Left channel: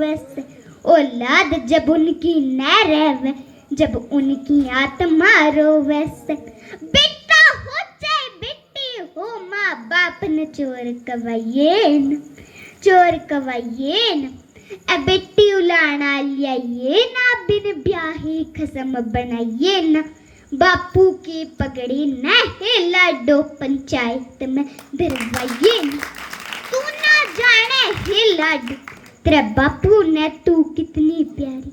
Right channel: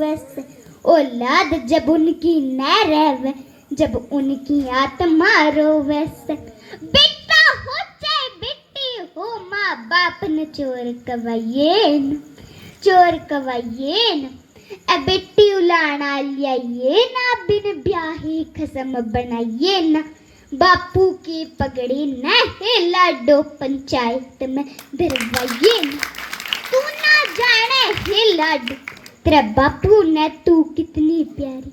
वैसे औलाद जब उनकी न रहे, जब उनकी आत्मा रोवे से। बेटा हो चाहे बेटी हो, माँ बाप न चोर कवाये न, चोर कवाये न। ए बेटी उलाना लियाये ना, बिन ब्याही खसम बनाइए ना। बापू की पगड़ी न है लाडो, पंचायत में धरवाइए न। तू ना जाने हे लाडो, तेरा बापू ने तू कितनी प्यारी।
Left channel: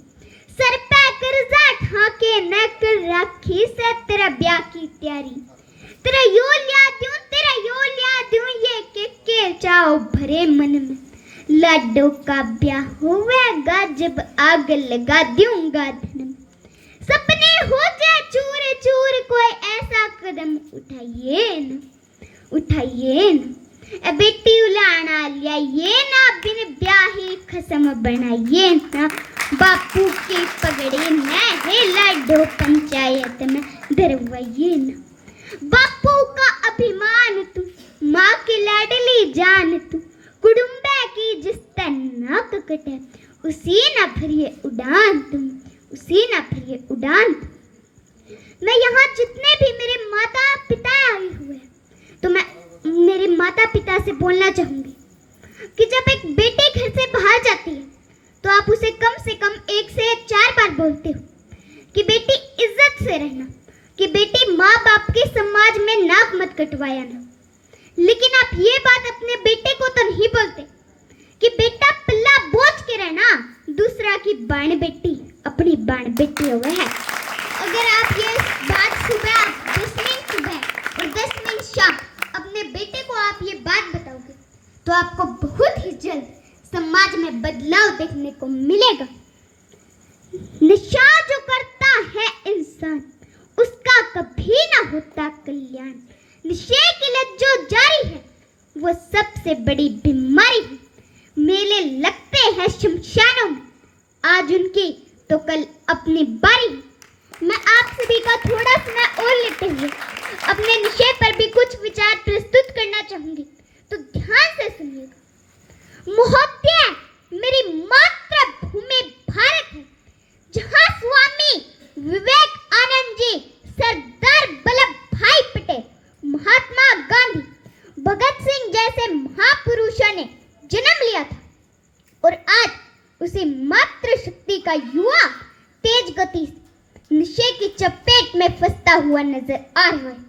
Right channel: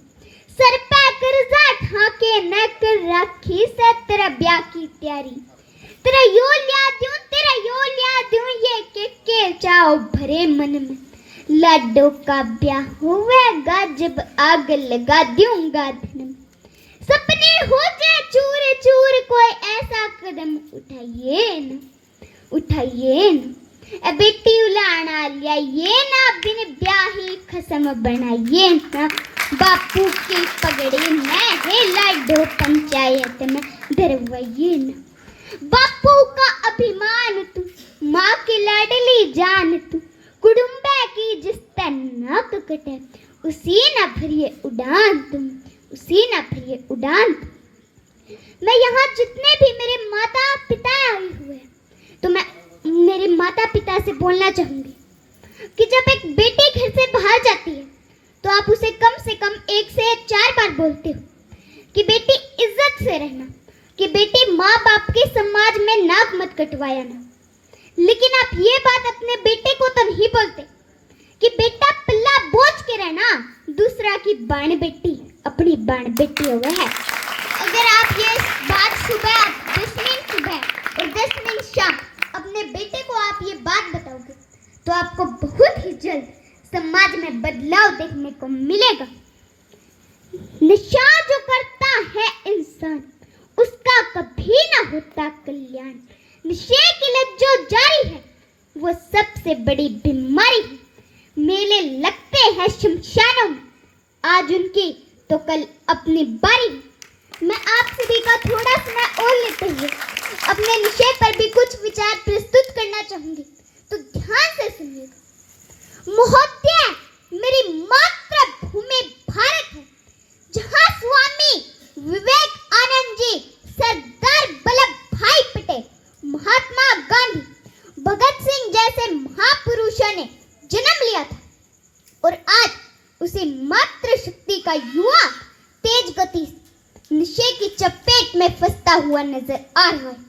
सर पे कर्जा ठाके न कर राखी से, तेरा ब्याह की तैयारी। तेरा यो लिया दूं, तेरा यो लिया दूं, ये के चाओ भरे मन में। लाडो का ब्याह होवेगा जब आग लगा दूंगा धन में। सपने हो जाए चूर चूर, कोई ऐसा कदम उठाइए न, उठाइए न। ए बेटी उलाना लिया ये ना, बिन ब्याही खसम बनाइए ना। बापू की पगड़ी में है लाडो, पंचायत में धरवाइए ना। बापू का अभिमान तू, माँ की लाडली जान तू। कुडुम्बे की जिस नाक कटे, उसी ना भरिए उड़ान तुम, उसी ना भरिए उड़ान तुम। मैं यहाँ जितने भी मेरे माता पिता आए हुए, तो मैं मेरे माता पिता से बोलना चाहूंगी कि जब एक बेटी घर से बाहर जाती है तो आप उसे कम से कम 1 से 4 बार बोलते हो कि बेटी इज्जत से रहना, कि बेटी माँ बाप के समाज में नाक मत कटवाया ना। लेकिन आप ये बात अपने बेटे को तो नहीं बोलते कि बेटा पल्ला बोझ के रहना, दूसरा की बाण बेटी अपनी बाण बेटी हुए है। अगर आप ये बात सुबह 10 मिनट सुबह और 10 मिनट शाम अपने बेटे को आप ये बात बताओगे तो आपको बहुत ही जल्द समाज में बदलाव देखने को मिलेगा। नशा जो करता है इंसान, उसका कभी ना होता कल्याण। नशे की लत जो जारी है, वो सबसे बड़ी बीमारी है। मेले लगते हैं शमशानों में, आज उनकी तो कल अपनी बारी है। मैं आप सभी का थोड़ा समय और लेते हुए अपने विषय पर भी कुछ विचार प्रस्तुत करना चाहूंगी, तो ध्यान से सुनिएगा। महोदय, मेरी मातृभूमि भारत है, जहां स्वामी विवेकानंद जी, सरदार वल्लभ भाई पटेल, महात्मा गांधी, भगत सिंह जैसे महापुरुषों ने जन्म लिया था, और आज उसी मातृशक्ति का युवा तेज गति नशे की चपेट में फंसता हुआ नजर आ रहा है।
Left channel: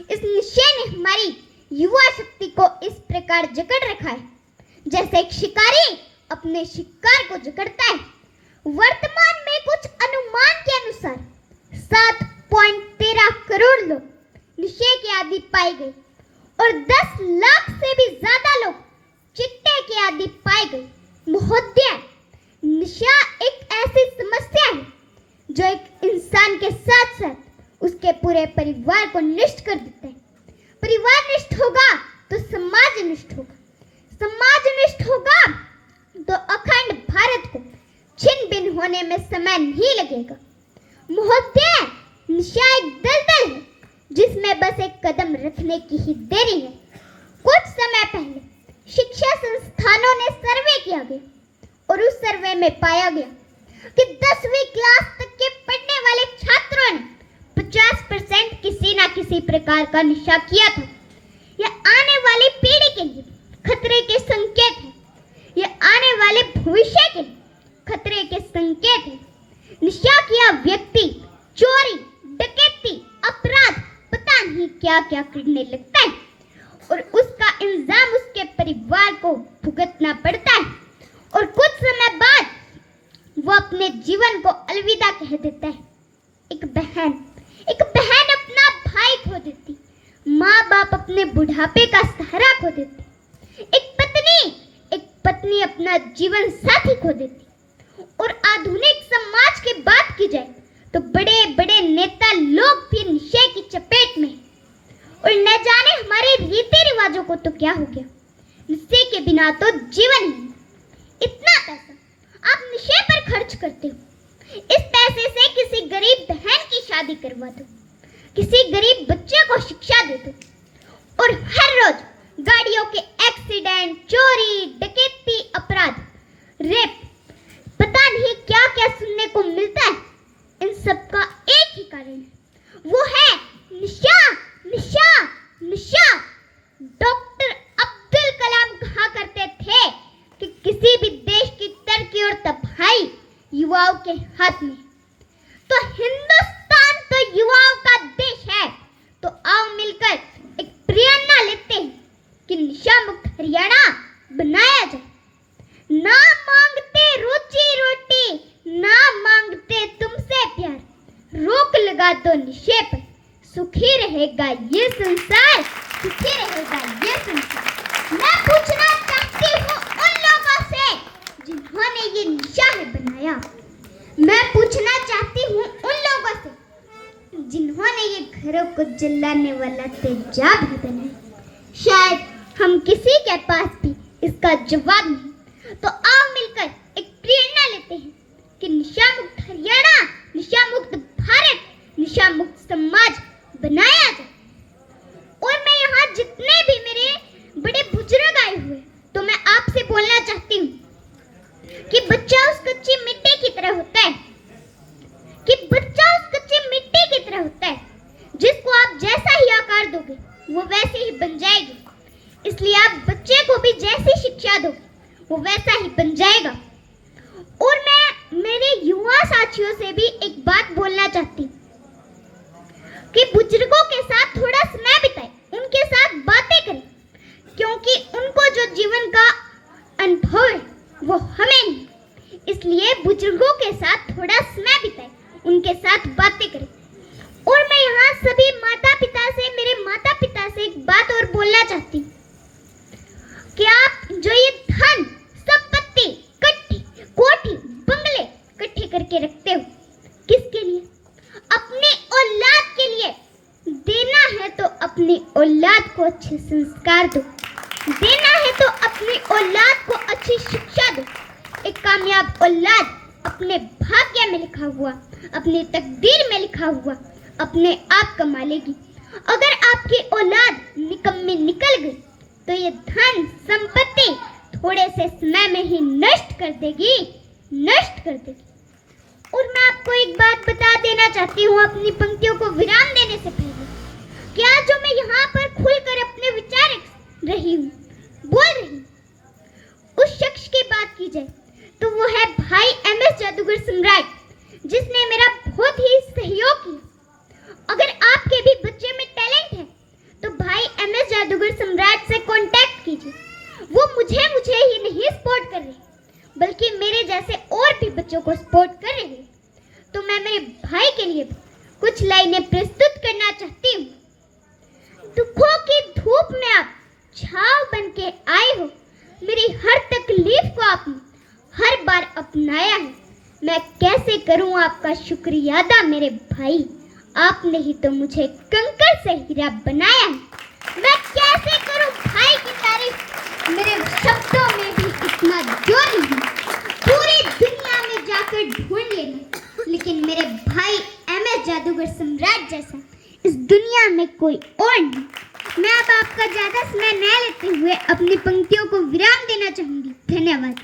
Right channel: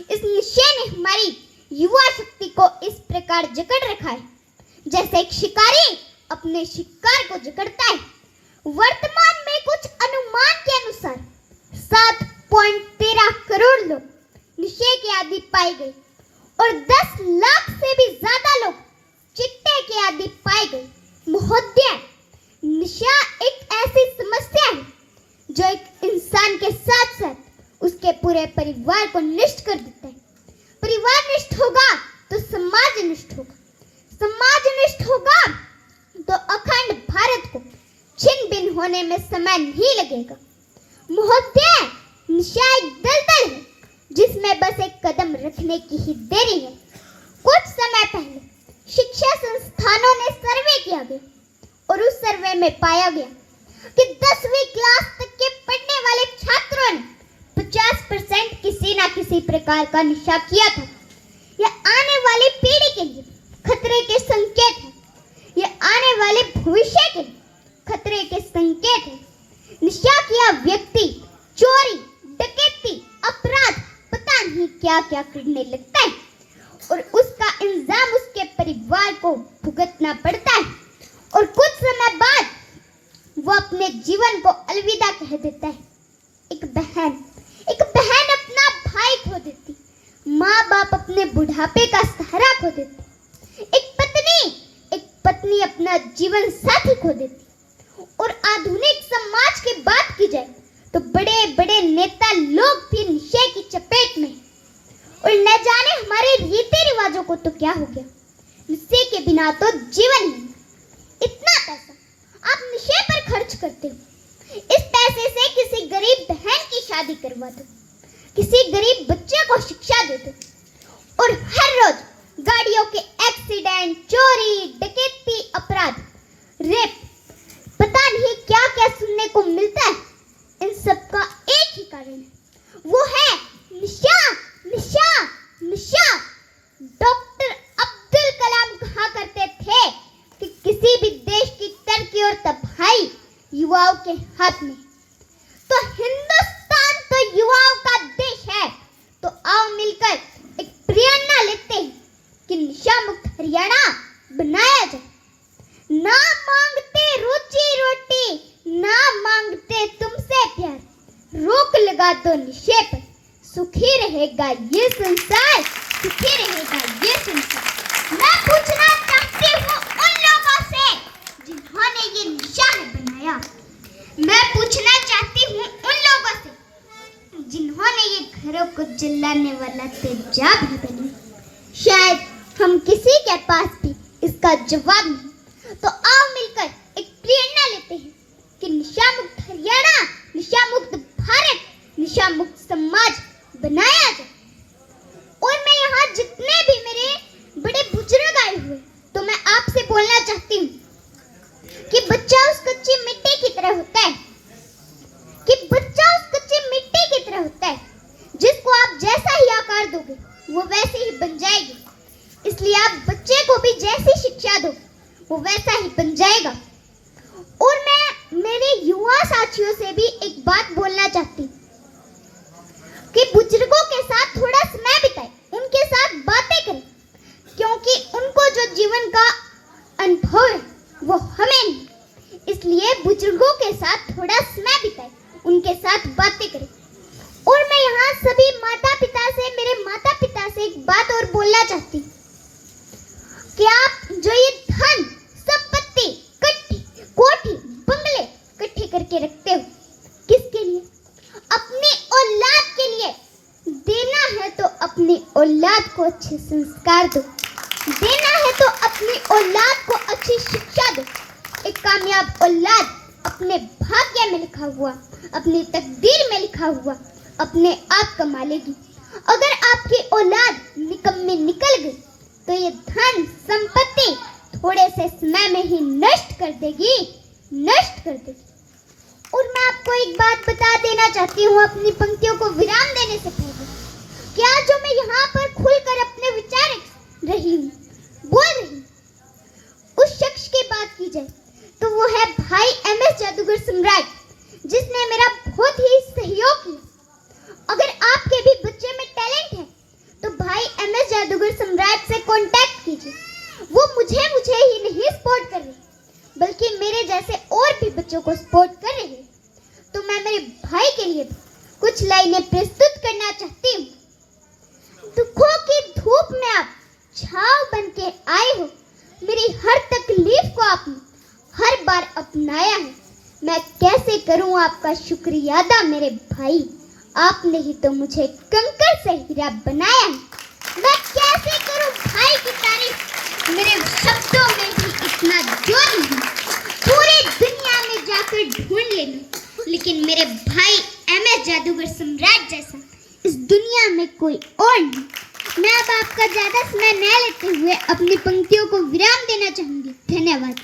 इस नशे ने हमारी युवा शक्ति को इस प्रकार जकड़ रखा है जैसे एक शिकारी अपने शिकार को जकड़ता है। वर्तमान में कुछ अनुमान के अनुसार 7.13 करोड़ लोग नशे के आदी पाए गए और 10 लाख से भी ज्यादा लोग चिट्टे के आदी पाए गए। महोदय, नशा एक ऐसी समस्या है जो एक इंसान के साथ साथ उसके पूरे परिवार को नष्ट कर देता है। परिवार नष्ट होगा तो समाज नष्ट होगा, समाज नष्ट होगा तो अखंड भारत को छिन्न भिन्न होने में समय नहीं लगेगा। महोदय, नशा एक दलदल है जिसमें बस एक कदम रखने की ही देरी है। कुछ समय पहले शिक्षा संस्थानों ने सर्वे किया गया और उस सर्वे में पाया गया कि 10वीं क्लास तक के पढ़ने वाले छात्रों ने 50% किसी ना किसी प्रकार का नशा किया था। यह आने वाली पीढ़ी के लिए खतरे के संकेत है, यह आने वाले भविष्य के लिए खतरे के संकेत है। नशा किया व्यक्ति चोरी, डकैती, अपराध, पता नहीं क्या क्या करने लगता है और उसका इल्जाम उसके परिवार को भुगतना पड़ता है और कुछ समय बाद वो अपने जीवन को अलविदा कह देता है। एक बहन अपना भाई खो देती, माँ बाप अपने बुढ़ापे का सहारा खो देती, एक पत्नी अपना जीवन साथी खो देती। और आधुनिक समाज की बात की जाए तो बड़े बड़े नेता लोग भी नशे की चपेट में, और न जाने हमारे रीति रिवाजों को तो क्या हो गया। नशे के बिना तो जीवन नहीं। इतना पैसा आप नशे पर खर्च करते हो, इस पैसे से किसी गरीब बहन की शादी करवा दो, किसी गरीब बच्चे को शिक्षा दे दो, और हर रोज गाड़ियों के एक्सीडेंट, चोरी, डकैती, अपराध, रेप डॉक्टर अब्दुल कलाम कहा करते थे कि किसी भी देश की तरक्की और तबाही युवाओं के हाथ में। तो हिंदुस्तान तो युवाओं का देश है। तो आओ मिलकर एक प्रेरणा लेते हैं कि नशा मुक्त हरियाणा बनाया जाए। ना मांगते रोजी रोटी, ना मांगते तुमसे प्यार, रोक लगा दो नशे पर, सुखी रहेगा ये संसार, सुखी रहेगा ये संसार। मैं पूछना चाहती हूँ उन लोगों से जिन्होंने ये नशा बनाया। मैं पूछना चाहती हूँ उन लोगों से जिन्होंने ये घरों को जलाने वाला तेजाब भी बनाया। शायद हम किसी के पास भी इसका जवाब नहीं। तो आओ मिलकर एक प्रेरणा लेते हैं कि नशा मुक्त हरियाणा, नशा मुक्त भारत, नशा मुक्त समाज बनाया जाए। और मैं यहाँ जितने भी मेरे बड़े बुजुर्ग आए हुए, तो मैं आपसे बोलना चाहती हूँ कि बच्चा उस कच्ची मिट्टी की तरह होता है, कि बच्चा उस कच्ची मिट्टी की तरह होता है जिसको आप जैसा ही आकार दोगे वो वैसे ही बन जाएगी। इसलिए आप बच्चे को भी जैसी शिक्षा दो वो वैसा ही बन जाएगा। और मैं मेरे युवा साथियों से भी एक बात बोलना चाहती हूँ कि बुजुर्गों के साथ थोड़ा समय बिताएं, उनके साथ बातें करें, क्योंकि उनको जो जीवन का अनुभव है वो हमें नहीं। इसलिए बुजुर्गों के साथ थोड़ा समय बिताएं, उनके साथ बातें करें। और मैं यहाँ सभी माता पिता से, मेरे माता पिता से एक बात और बोलना चाहती हूँ कि आप जो ये धन संपत्ति कट्टी कोठी बंगले इकट्ठे करके रखते हो, किसके लिए? अपनी औलाद के लिए। देना है तो अपनी औलाद को अच्छे संस्कार दो, देना है तो अपनी औलाद को अच्छी शिक्षा दो। एक कामयाब औलाद अपने भाग्य में लिखा हुआ, अपनी तकदीर में लिखा हुआ अपने आप कमा लेगी। अगर आपकी औलाद निकम्मी निकल गई तो ये धन संपत्ति थोड़े से समय में ही नष्ट कर देगी, नष्ट कर देगी। और मैं आपको एक बात बता देना चाहती हूँ अपनी पंक्तियों को विराम देने से पहले, क्या जो मैं यहाँ पर खुलकर अपने विचार रही हूँ, बोल रही हूँ, उस शख्स की बात की जाए तो वो है भाई MS जादूगर सम्राट, जिसने मेरा बहुत ही सहयोग किया। अगर आपके भी बच्चे में टैलेंट है तो भाई MS जादूगर सम्राट से कांटेक्ट कीजिए। वो मुझे ही नहीं सपोर्ट कर रहे, बल्कि मेरे जैसे और भी बच्चों को सपोर्ट कर रहे हैं। तो मैं मेरे भाई के लिए भी कुछ लाइनें प्रस्तुत करना चाहती हूँ। दुखों की धूप में आप छाव बन के आए हो, मेरी हर तकलीफ को आपने हर बार अपनाया है। मैं कैसे करूं आपका शुक्रिया अदा मेरे भाई, आपने ही तो मुझे कंकड़ से हीरा बनाया है। मैं कैसे करूं भाई की तारीफ, मेरे शब्दों में भी इतना जोर नहीं। पूरी दुनिया में जाकर ढूंढ लेना, लेकिन मेरे भाई MS जादूगर सम्राट जैसा इस दुनिया में कोई और नहीं। मैं अब आपका ज्यादा समय न लेते हुए अपनी पंक्तियों को विराम देना चाहूंगी। धन्यवाद।